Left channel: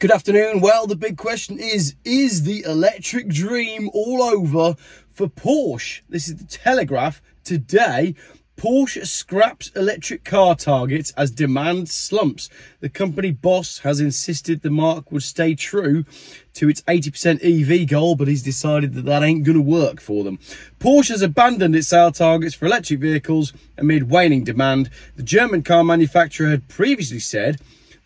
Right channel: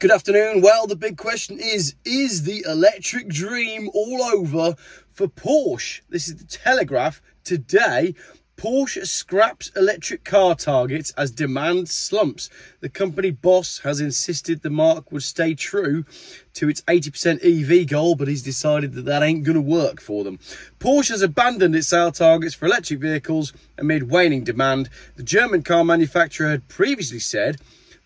Good afternoon. Well, the big question is the electric dream all over for Porsche? This is the Telegraph today. Porsche scraps electric car targets as demand slumps. The company boss has insisted the marque would stay true to its 80% EV goal, but he's decided that ain't going to work for them. Porsche has abandoned its sale targets for electric vehicles amid waning demand. The German car manufacturer had previously said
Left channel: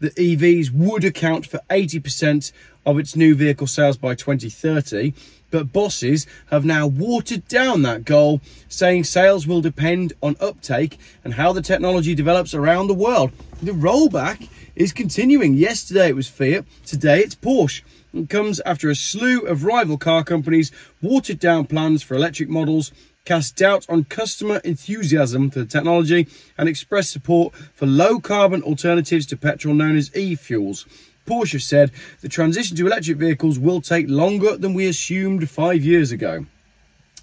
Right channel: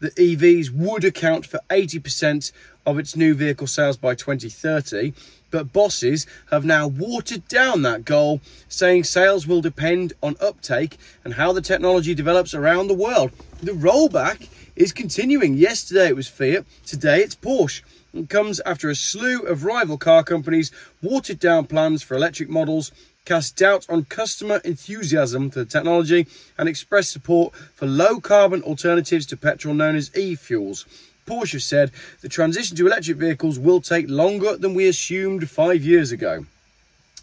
that EVs would account for 80% of its new vehicle sales by 2030, but bosses have now watered down that goal, saying sales will depend on uptake and how the technology develops around the world. The rollback is continuing. Yesterday it was Fiat, today it's Porsche. It comes after a slew of rival car companies watered down plans for electric models, cast doubt on customer enthusiasm for the technology, and expressed support for low-carbon alternatives to petrol known as e-fuels. Porsche said the transition to electric vehicles will take longer than we assumed 5 years ago.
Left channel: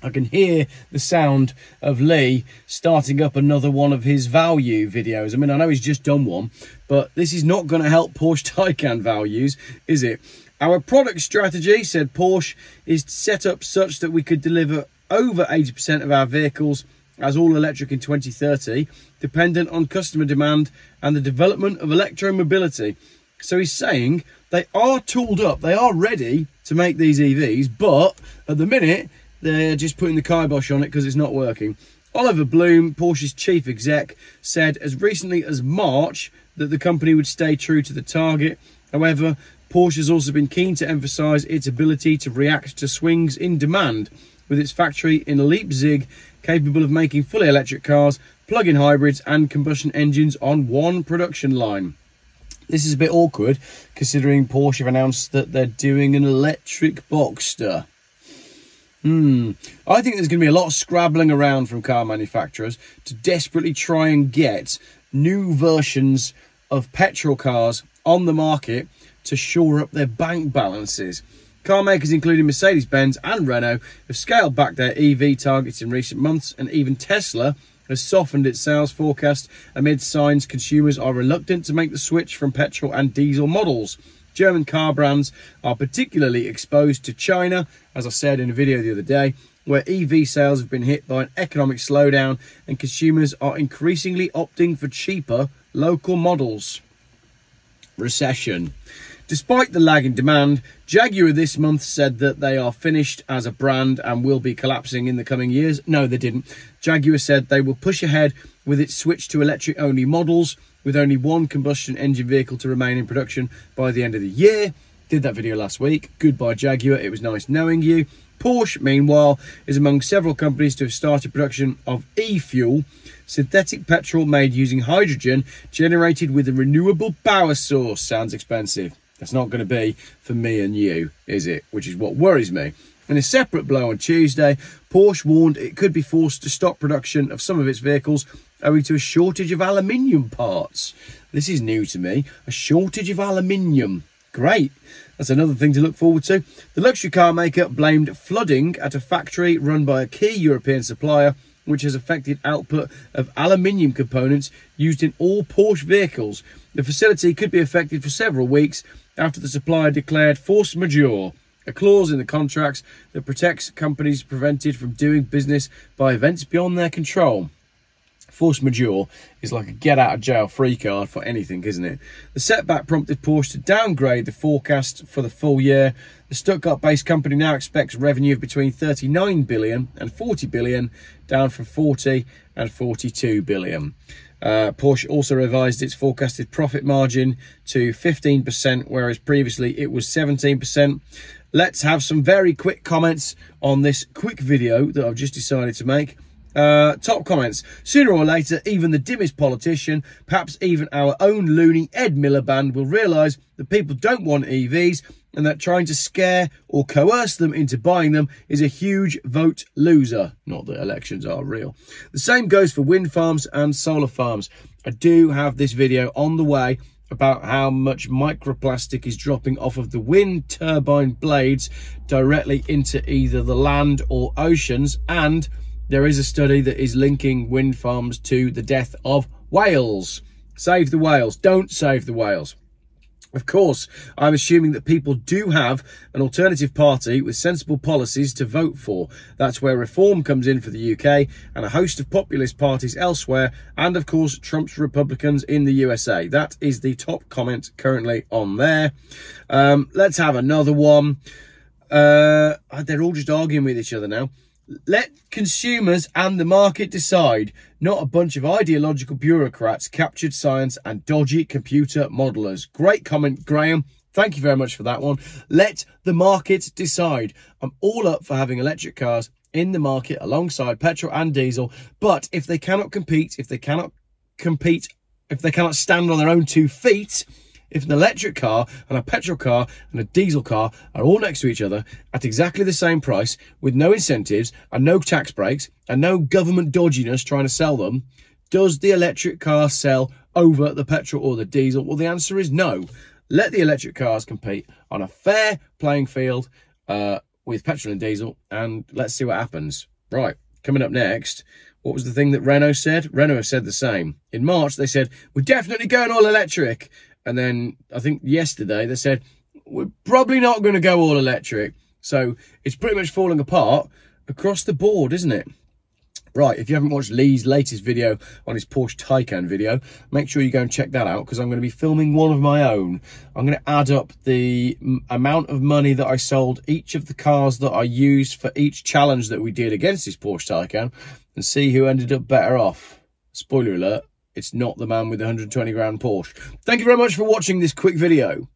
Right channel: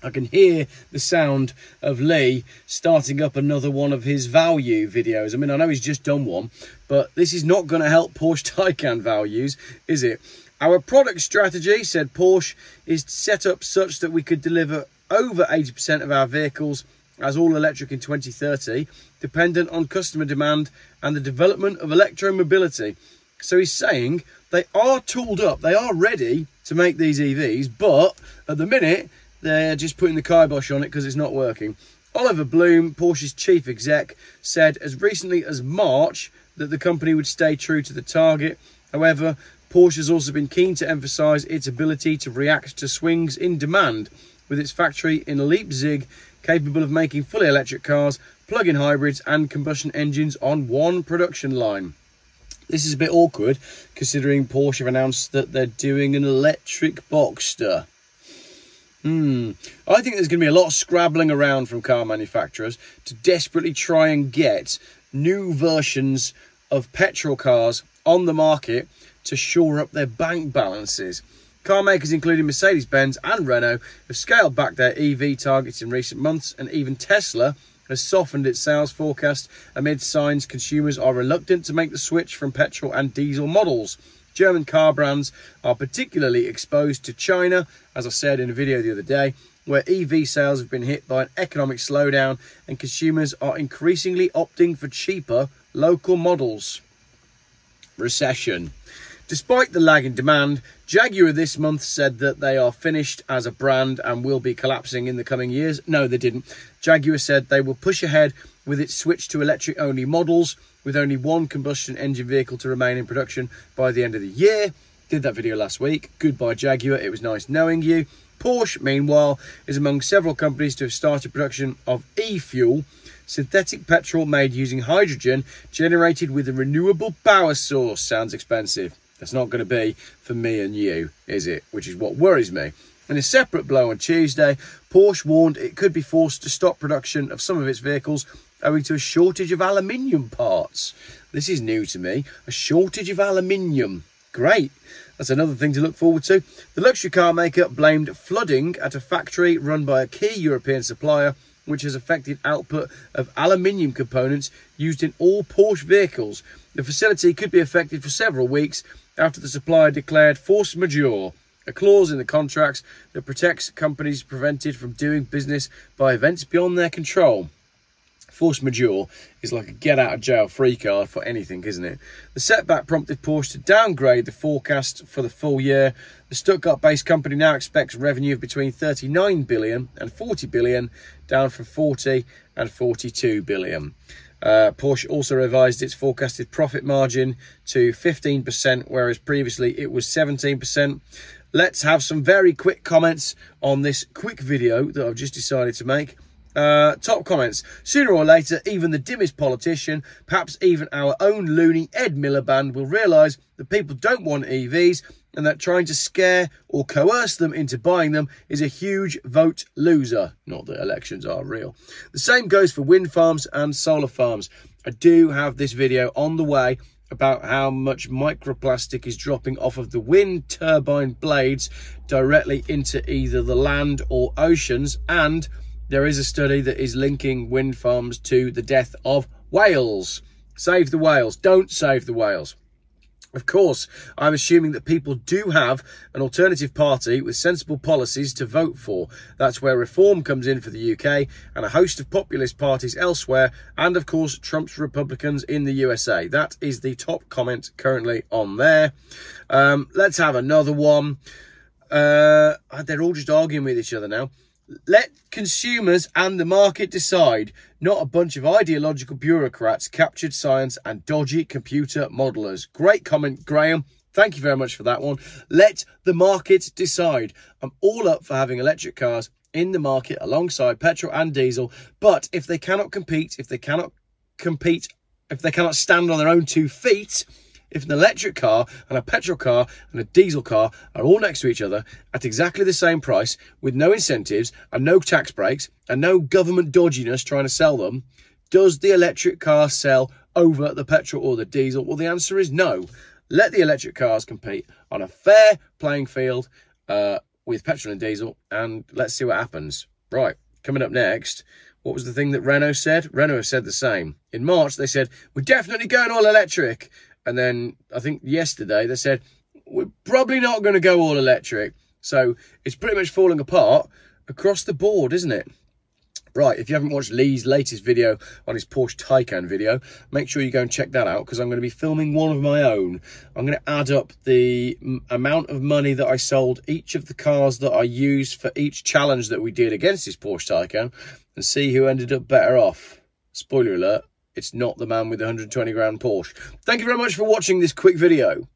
I can hear the sound of Lee starting up another one of his value videos. I mean, I know he's just done one, but this is not going to help Porsche Taycan values, is it? Our product strategy, said Porsche, is set up such that we could deliver over 80% of our vehicles as all electric in 2030, dependent on customer demand and the development of electromobility. So he's saying they are tooled up, they are ready to make these EVs, but at the minute, they're just putting the kibosh on it because it's not working. Oliver Bloom, Porsche's chief exec, said as recently as March that the company would stay true to the target. However, Porsche has also been keen to emphasise its ability to react to swings in demand, with its factory in Leipzig capable of making fully electric cars, plug-in hybrids and combustion engines on one production line. This is a bit awkward considering Porsche have announced that they're doing an electric Boxster. I think there's going to be a lot of scrabbling around from car manufacturers to desperately try and get new versions of petrol cars on the market to shore up their bank balances. Car makers including Mercedes-Benz and Renault have scaled back their EV targets in recent months, and even Tesla has softened its sales forecast amid signs consumers are reluctant to make the switch from petrol and diesel models. German car brands are particularly exposed to China, as I said in a video the other day, where EV sales have been hit by an economic slowdown and consumers are increasingly opting for cheaper local models. Recession. Despite the lag in demand, Jaguar this month said that they are finished as a brand and will be collapsing in the coming years. No, they didn't. Jaguar said they will push ahead with its switch to electric-only models, with only one combustion engine vehicle to remain in production by the end of the year. Did that video last week. Goodbye, Jaguar. It was nice knowing you. Porsche, meanwhile, is among several companies to have started production of e-fuel, synthetic petrol made using hydrogen generated with a renewable power source. Sounds expensive. That's not going to be for me and you, is it? Which is what worries me. In a separate blow on Tuesday, Porsche warned it could be forced to stop production of some of its vehicles owing to a shortage of aluminium parts. This is new to me. A shortage of aluminium. Great. That's another thing to look forward to. The luxury car maker blamed flooding at a factory run by a key European supplier, which has affected output of aluminium components used in all Porsche vehicles. The facility could be affected for several weeks after the supplier declared force majeure, a clause in the contracts that protects companies prevented from doing business by events beyond their control. Force majeure is like a get-out-of-jail-free card for anything, isn't it? The setback prompted Porsche to downgrade the forecast for the full year. The Stuttgart-based company now expects revenue of between 39 billion and 40 billion, down from 40 and 42 billion. Porsche also revised its forecasted profit margin to 15%, whereas previously it was 17%. Let's have some very quick comments on this quick video that I've just decided to make. Top comments. Sooner or later, even the dimmest politician, perhaps even our own loony Ed Miliband, will realise that people don't want EVs and that trying to scare or coerce them into buying them is a huge vote loser. Not that elections are real. The same goes for wind farms and solar farms. I do have this video on the way about how much microplastic is dropping off of the wind turbine blades directly into either the land or oceans, and there is a study that is linking wind farms to the death of whales. Save the whales. Don't save the whales. Of course, I'm assuming that people do have an alternative party with sensible policies to vote for. That's where Reform comes in for the UK and a host of populist parties elsewhere, and of course Trump's Republicans in the USA. That is the top comment currently on there. Let's have another one. They're all just arguing with each other now. Let consumers and the market decide, not a bunch of ideological bureaucrats, captured science and dodgy computer modelers. Great comment, Graham. Thank you very much for that one. Let the market decide. I'm all up for having electric cars in the market alongside petrol and diesel, but if they cannot compete, if they cannot stand on their own 2 feet, if an electric car and a petrol car and a diesel car are all next to each other at exactly the same price with no incentives and no tax breaks and no government dodginess trying to sell them, does the electric car sell over the petrol or the diesel? Well, the answer is no. Let the electric cars compete on a fair playing field with petrol and diesel, and let's see what happens. Right, coming up next, what was the thing that Renault said? Renault said the same. In March, they said, we're definitely going all electric. And then I think yesterday they said, we're probably not going to go all electric. So it's pretty much falling apart across the board, isn't it? Right, if you haven't watched Lee's latest video on his Porsche Taycan video, make sure you go and check that out, because I'm going to be filming one of my own. I'm going to add up the amount of money that I sold each of the cars that I used for each challenge that we did against this Porsche Taycan and see who ended up better off. Spoiler alert. It's not the man with the 120 grand Porsche. Thank you very much for watching this quick video.